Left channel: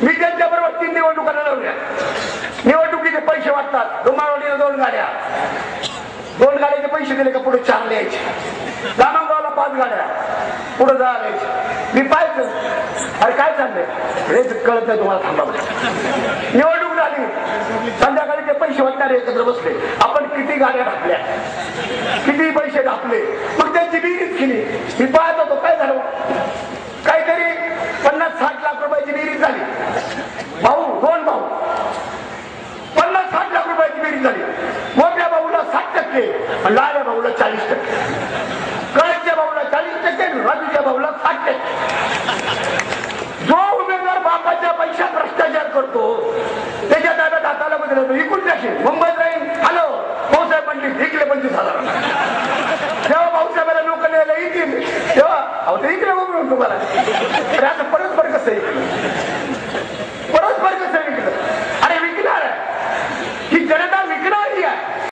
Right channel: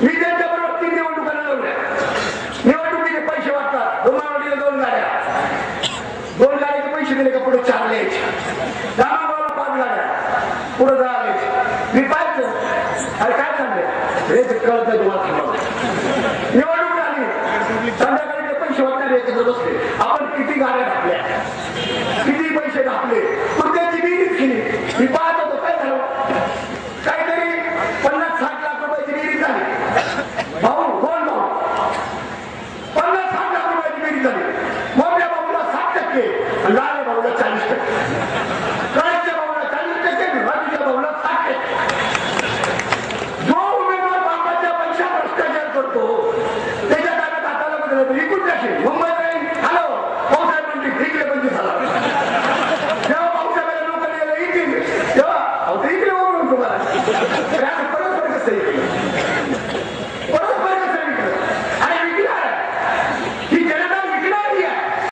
मी त्यांच्याबरोबर 3 निवडणुका लढवल्या. निवडणुकीचे पैसे वाटतात. डोंबावलीला 2 गाड्या, 2 गाड्याचे पैसे दिले का पुढे 4 द्यायचे. रामगावला 5 गाड्या, पुढे जायचे. मी पाहायचं अरे काय चाललंय हे कळत नाही तुम्हाला. थांबवलं निवडणूक झाली, संध्याकाळी ते पैसे वाटणारे एकत्र बसले. आपण किती गाड्या टाकल्या, किती पैसे टाकले, मग त्यांची बिलीच केली. मी पाहतो